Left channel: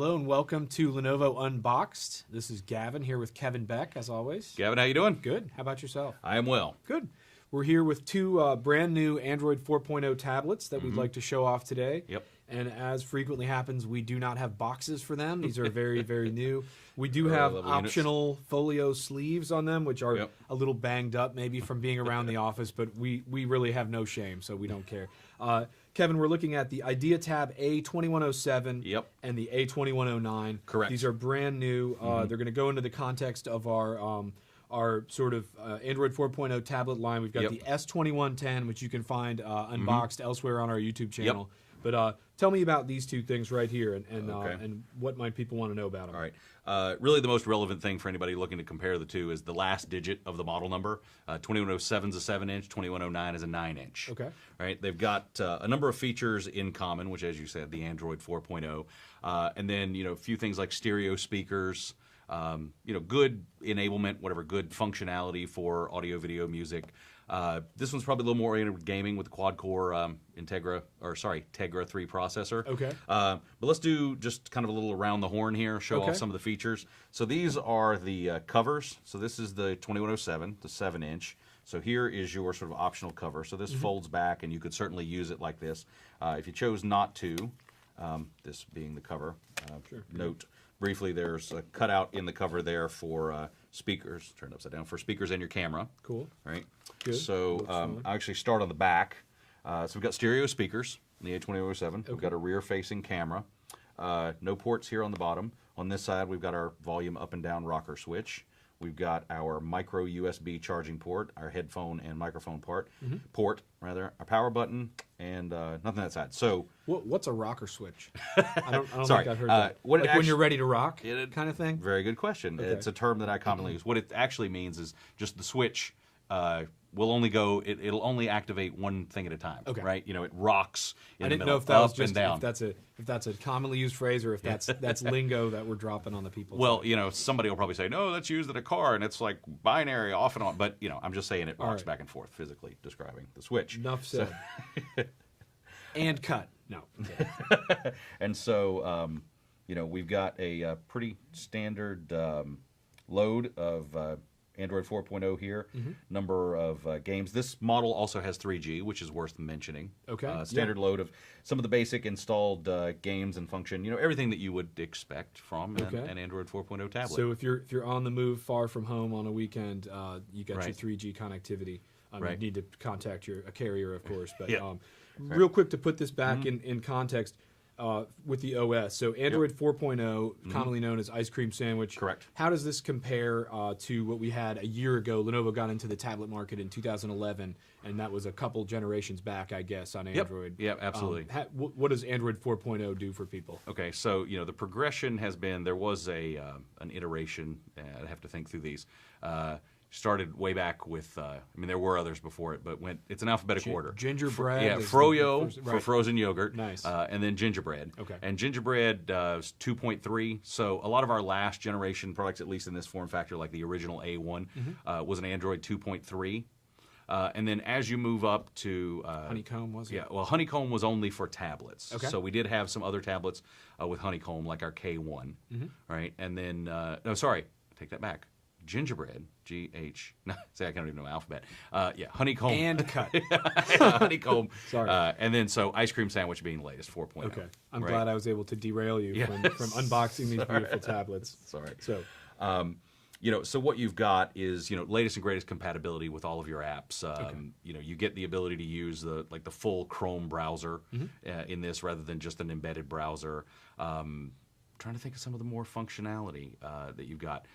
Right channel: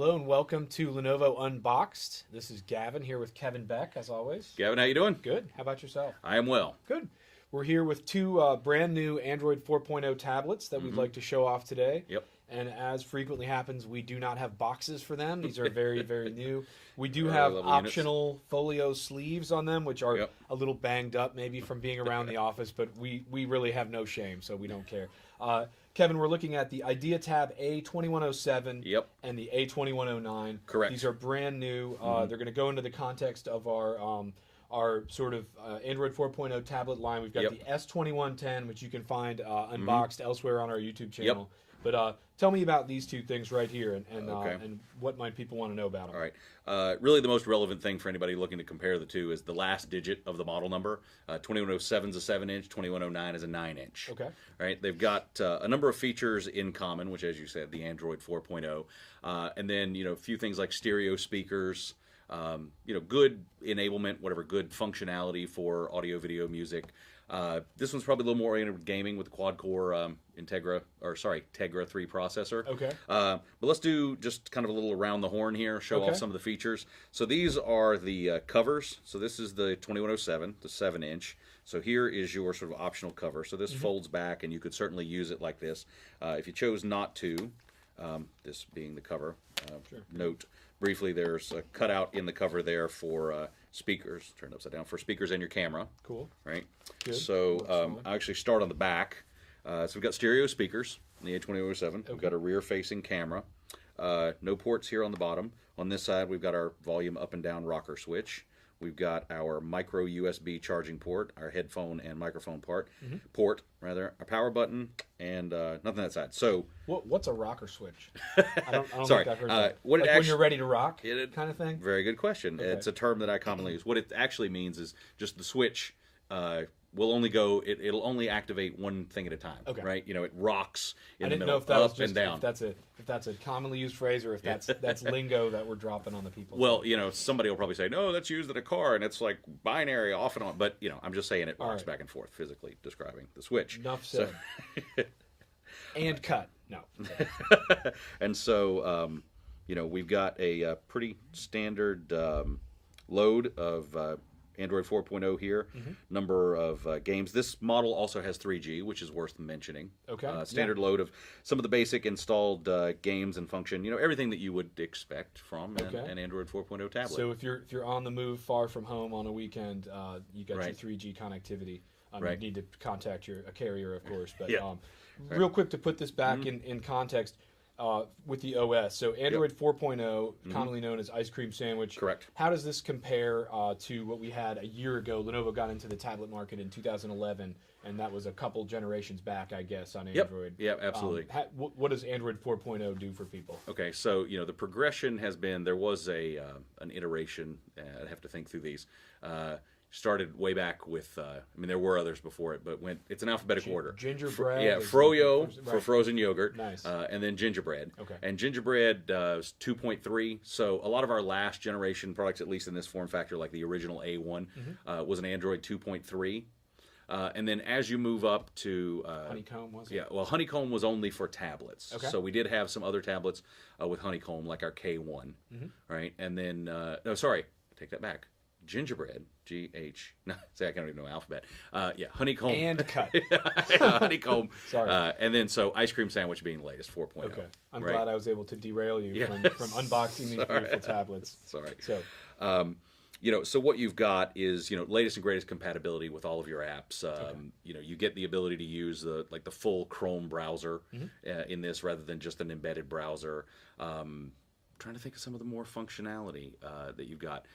Hello and welcome to Lenovo Unboxed. This is Gavin here with Kevin Beck, as always. Gavin, how you doing? Good. How about yourself? I am well. Good. We're here with two brand new Android 4.0 tablets that we'd like to show off today. Yep. And as frequently happens, we do not have boxes for them. These are very, very new. We do have optional folio sleeves on them, which are a little banged up maybe from being around the office, but we really have no shame, so we don't care. Kevin, we're looking at the IdeaTab A2107 and the A2109. Correct. These are brand new. They're going to go into the context of our sort of Android 4.0 tablet line. We've got the S2110, which you can find unboxed elsewhere on our YouTube channel. But tell me about these two things right here and what might people want to know about them. All right. Really the most relevant thing for anybody looking to compare the two is the last digit of the model number. 2107 is a 7-inch, 2109 is a 9-inch. Okay. Right. They've got a number of features in common, which, as you said, the Android 4.0. And then, a few things like stereo speakers, good enablement, whatever, good functionality for audio, video, music. This one's probably a little more oriented with gaming with the quad-core Tegra 3 processor. Okay. But let's do just kind of a little around the horn here, show off some of the features. So these are the covers. So this is the 2107, the 7-inch. So here is your sort of optional cover. So this folds back, and you could certainly use it like this. If you chose not to, this being the cover, note briefly there's a cutout in the cover there for speakers, turned upside down, for speakers and your camera. Cool. Right? Good. So I actually start on the back. So we've got stereo speakers in the A2107. Okay. We've got a rear-facing camera. No ports here on the bottom. On this side, we've got our volume up and down rocker switch. We've got our micro USB charging port, our headphone and microphone port, our power button, and nothing on that side. So what's a rocker switch? I don't sorry, think I've heard that. What like when you're ready to rock, kind of thing? Very good question. Okay. It's a term that I commonly use. What it actually means is just the switch will only go. It'll only activate one thing at a time. Okay. Right? It rocks. I didn't know if that was just if that's a commonly used phrase or if that's lingo that we're dropping on the people. Well, somebody will probably say, no, that's used in a car and it's like binary off and on. But I'm just saying it rocks back and forth, physically describing the switch. Enough said. And cut. No. And so we've got a pretty standard load of Android 4.0 here, number of games. This model also has 3G, which is worth mentioning. Okay. Standard load of some of the basic installed games and function. Everything that you would expect from an Android 4.0 tablet. So if you're on the move, far from home on a weekend, you got your 3G connectivity. You need to contact a carrier, of course. But real quick to put this back in context. With the OS. So Android 4.0, commonly known as Ice Cream Sandwich. Correct. How does this compare to what we had a year ago? Lenovo got into the tablet market in 2011, and that was a couple generations back, I guess, on Android. Yep, absolutely. What does Android 4.0 do for people? Okay, so the progression has been, there was an iteration, I'd have to think through these, started way back with, there were others before it, but it's an alphabetical order. Gingerbread. Froyo for frozen yogurt. Nice. And then gingerbread. Okay. And gingerbread is 2.3. So a lot of our last generation products, at least in this form factor, like the original A1, was an Android 2.3. And then as you move up to... Honeycomb, was it? Yeah, well, Honeycomb was only for tablets. Okay. So we did have some other tablets with Honeycomb, like our K1. Right? And then... take that back. Gingerbread, G-H. See, I can't even know my alphabet. Honeycomb. And cut. Honeycomb. Sorry. And then, Ice Cream Sandwich being the latest, 4.0. Okay. I'm glad I was able to derail you from unboxing these beautiful tablets. Sorry. So, so what you've got is, latest and greatest compatibility with all of your apps. You get the ability to use the full Chrome browser in this rather than just an embedded browser. Trying to think of some of the more functionality that you've got.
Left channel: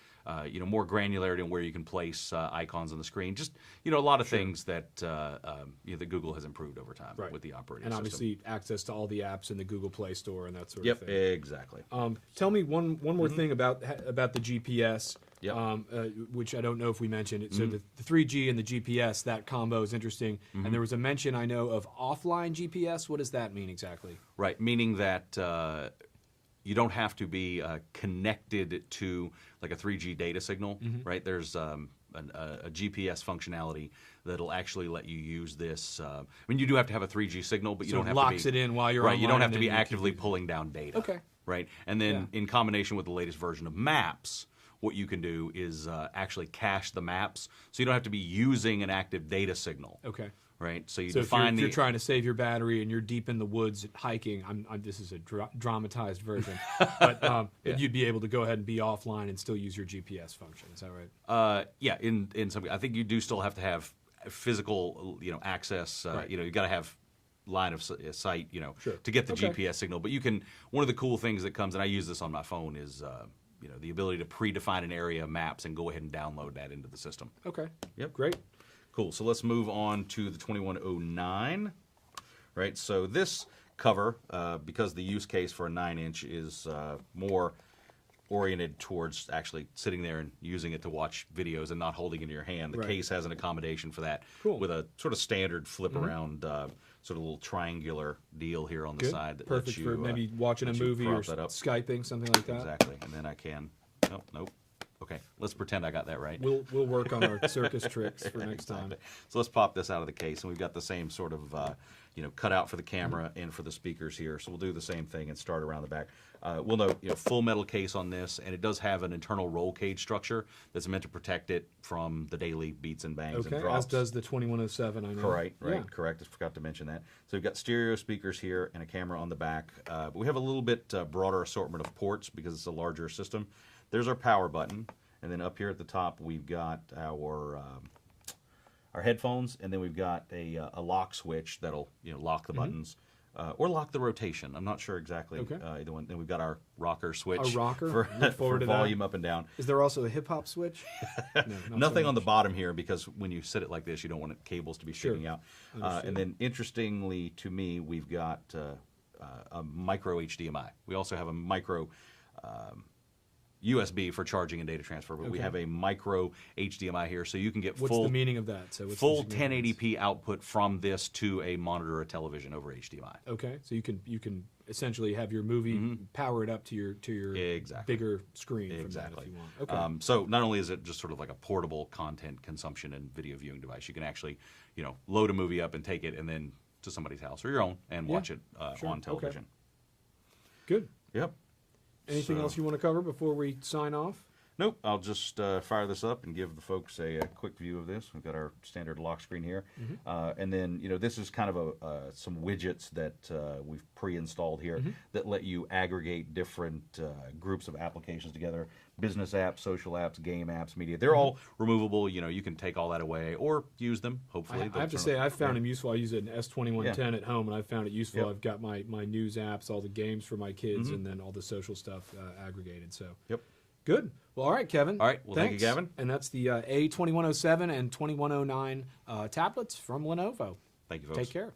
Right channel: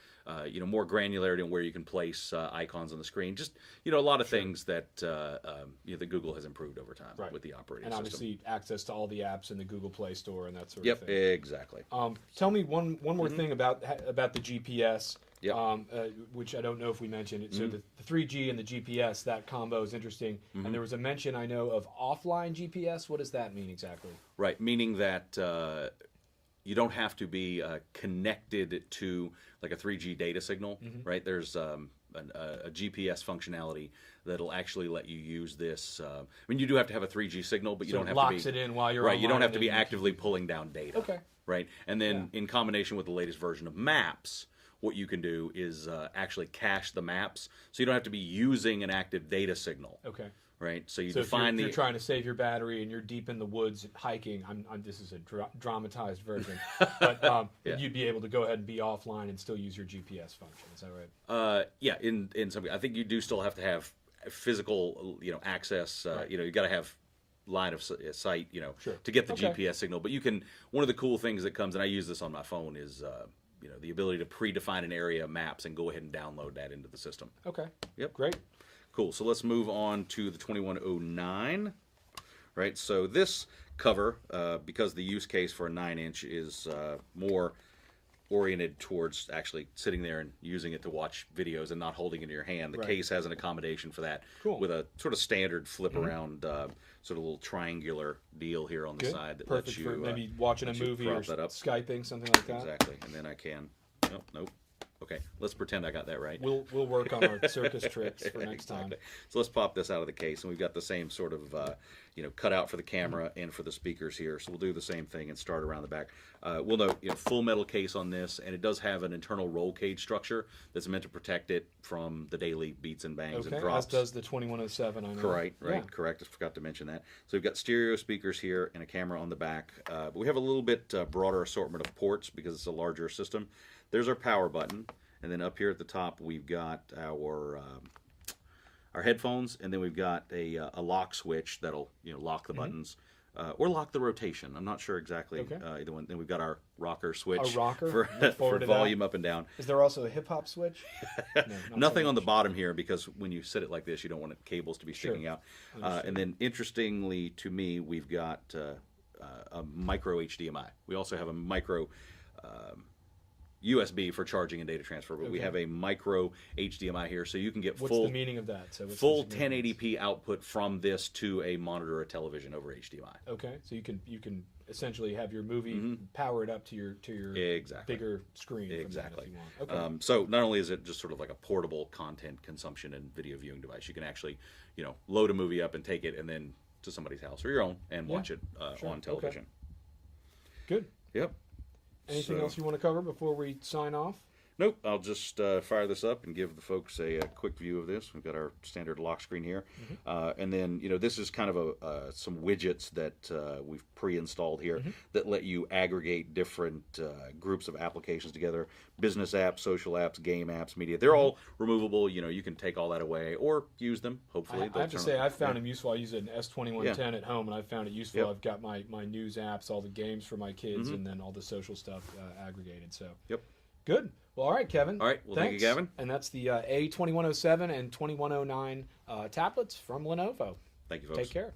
More granularity on where you can place icons on the screen. Just, a lot of things that that Google has improved over time with the operating system. And obviously access to all the apps in the Google Play Store and that sort of thing. Yep, exactly. Tell me one more thing about the GPS, which I don't know if we mentioned. So the 3G and the GPS, that combo is interesting. And there was a mention, I know, of offline GPS. What does that mean exactly? Right, meaning that... you don't have to be connected to like a 3G data signal, right? There's a GPS functionality that'll actually let you use this. I mean, you do have to have a 3G signal, but you don't have to be... locks it in while you're right. You don't have to be online, actively pulling down data. Okay. Right, and then in combination with the latest version of Maps, what you can do is actually cache the maps, so you don't have to be using an active data signal. Okay. Right, so you So define if you're trying to save your battery and you're deep in the woods hiking, this is a dramatized version, but you'd be able to go ahead and be offline and still use your GPS function. Is that right? Yeah, in some, I think you do still have to have physical, access. Right. You got to have line of sight, Sure. to get the GPS signal. But you can. One of the cool things that comes, and I use this on my phone, is the ability to predefine an area of maps and go ahead and download that into the system. Okay. Yep. Great. Cool. So let's move on to the 2109. Right. So this cover, because the use case for a 9-inch is more oriented towards actually sitting there and using it to watch videos and not holding it in your hand. The case has an accommodation for that with a sort of standard flip around, sort of little triangular deal here on the side that Perfect lets you for maybe watching a movie or Skyping, something like that. Exactly. And then I can. Nope. Okay, let's pretend I got that right. We'll work on our circus tricks for next time. So let's pop this out of the case, and we've got the same sort of cutout for the camera and for the speakers here. So we'll do the same thing and start around the back. We'll note full metal case on this, and it does have an internal roll cage structure that's meant to protect it from the daily beats and bangs and drops. As does the 2107. I know. Correct. I forgot to mention that. So we've got stereo speakers here and a camera on the back, but we have a little bit broader assortment of ports because it's a larger system. There's our power button, and then up here at the top we've got our headphones, and then we've got a lock switch that'll lock the buttons or lock the rotation. I'm not sure exactly either one. Then we've got our rocker switch for volume up and down. Is there also a hip hop switch? No, nothing on the bottom here because when you sit it like this, you don't want cables to be sticking out. And then interestingly to me, we've got a micro HDMI. We also have a micro USB for charging and data transfer, but we have a micro HDMI here, so you can get What's the meaning of that? So full 1080p output from this to a monitor or television over HDMI. Okay, so you can essentially have your movie power it up to your bigger screen. Exactly. From that if you want. Okay. So not only is it just sort of like a portable content consumption and video viewing device, you can actually load a movie up and take it and then to somebody's house or your own and watch it on television. Okay. Good. Yep. Anything else you want to cover before we sign off? Nope. I'll just fire this up and give the folks a quick view of this. We've got our standard lock screen here. And then, this is kind of some widgets that we've pre-installed here that let you aggregate different groups of applications together. Business apps, social apps, game apps, media. They're all removable. You can take all that away or use them, hopefully. I have to say, I've found them useful. I use an S2110 at home, and I've found it useful. I've got my news apps, all the games for my kids, and then all the social stuff aggregated. So good. Well, all right, Kevin. All right. Well, thank you, Gavin. And that's the A2107 and 2109 tablets from Lenovo. Thank you, folks. Take care.